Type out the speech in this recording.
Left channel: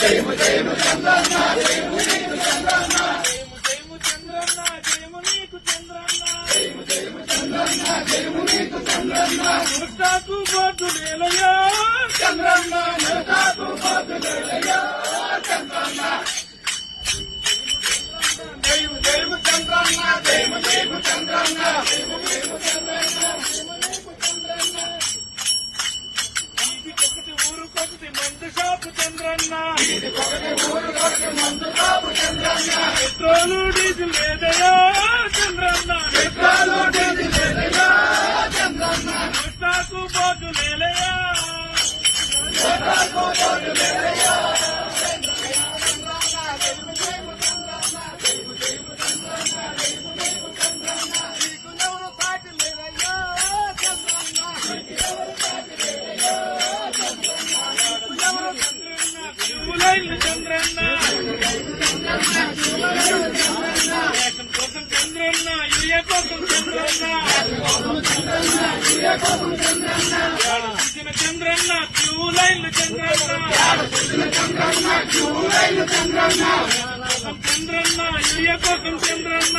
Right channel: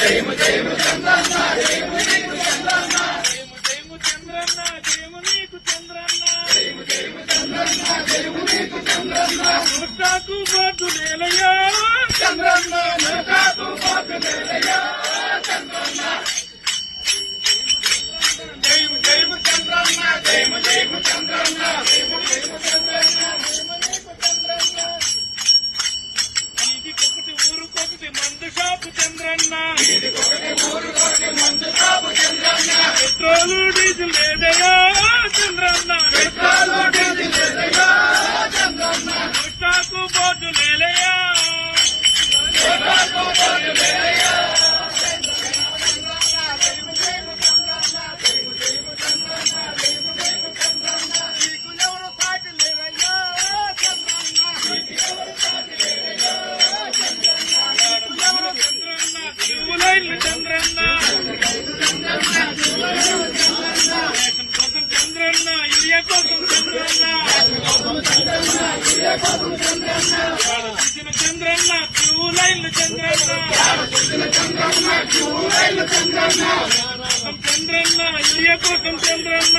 జయము జయము చంద్రన్న జయము నీకు చంద్రన్న జయము జయము చంద్రన్న జయము నీకు చంద్రన్న జయము జయము చంద్రన్న జయము నీకు చంద్రన్న నోటాకు బాటు లేలయ్యా చంద్రన్న నోటాకు బాటు లేలయ్యా చంద్రన్న జయము జయము చంద్రన్న జయము జయము చంద్రన్న జయము జయము చంద్రన్న జయము నీకు చంద్రన్న ఇంటికొకటి ఊరుకొకటి మందు షాపు చంద్రన్న ఇంటికొకటి ఊరుకొకటి మందు షాపు చంద్రన్న పెట్రోలు డీజిల్ లేదయ్యా చంద్రన్న పెట్రోలు డీజిల్ లేదయ్యా చంద్రన్న నోటాకు బాటు లేలయ్యా నోటాకు బాటు లేలయ్యా చంద్రన్న రేషన్ కోసం చంద్రన్న ఇయ్య కోసం చంద్రన్న చంద్రన్న క్యూ లైన్లు చంద్రన్న చంద్రన్న ఇయ్య కోసం చంద్రన్న